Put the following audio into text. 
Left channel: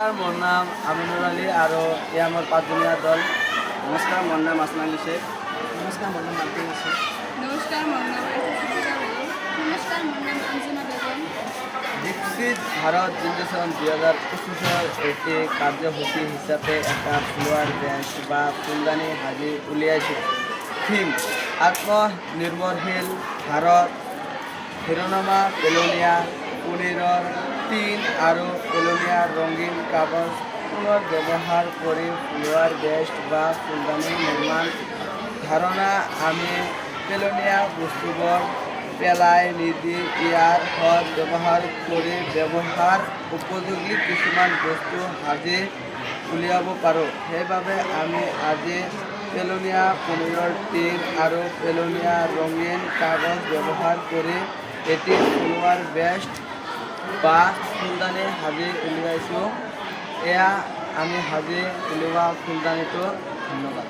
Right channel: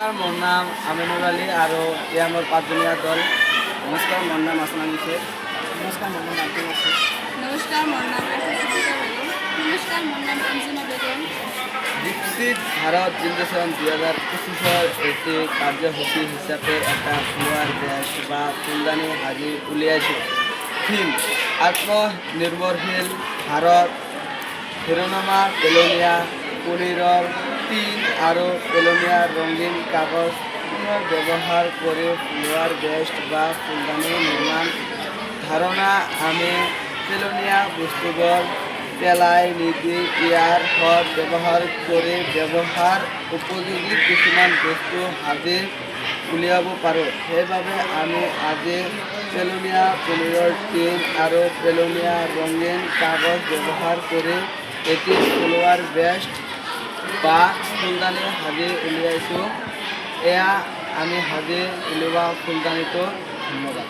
মোর নাম আমিনুর আলী আর এ আমার পাঁচজনীয়া দল। নমস্কার, মোর নাম আসমান আলী শেখ। নমস্কার, মোর নাম আব্দুল নাসির। নমস্কার, মোর নাম আশা সিদ্দিকা বেগম। নমস্কার, মোর নাম অঞ্জনা বেগম। বিকশিত ভারত জিন্দেশন 2025-এর একটি কার্যসূচী হিসাবে একটা ফ্লোয়ার ব্যাচ বা ফুলদানি হাজি উলিয়াইছে। থিম আত্মনির্ভরশীল ভারত, শিরোনামা পেলোনিয়া পনিৰৰ টিন আৰু পেলোনিয়া ৰঙীন কাগজ পুনৰ ব্যৱহাৰ কৰি ফ্লোয়াৰ বেস্ট বা ফুলদানি নিৰ্মাণ। ধাৰণা আমি পেলোনিয়া বস্তুবোৰ পেলাই নিদি ইয়াৰ সৎ ব্যৱহাৰ কৰি ব্যৱহাৰ উপযোগী কিছুমান বস্তু সাজি উলিয়াব পাৰোঁ। সেইবাবে আমি আজি পেলোনিয়া পনিৰৰ টিন আৰু পেলোনিয়া ৰঙীন কাগজ ব্যৱহাৰ কৰি এটি ফ্লোয়াৰ বেস্ট বা ফুলদানি সাজি উলিয়াইছোঁ। এয়া আমি সাজি উলিওৱা ফুলদানিটো। ধন্যবাদ।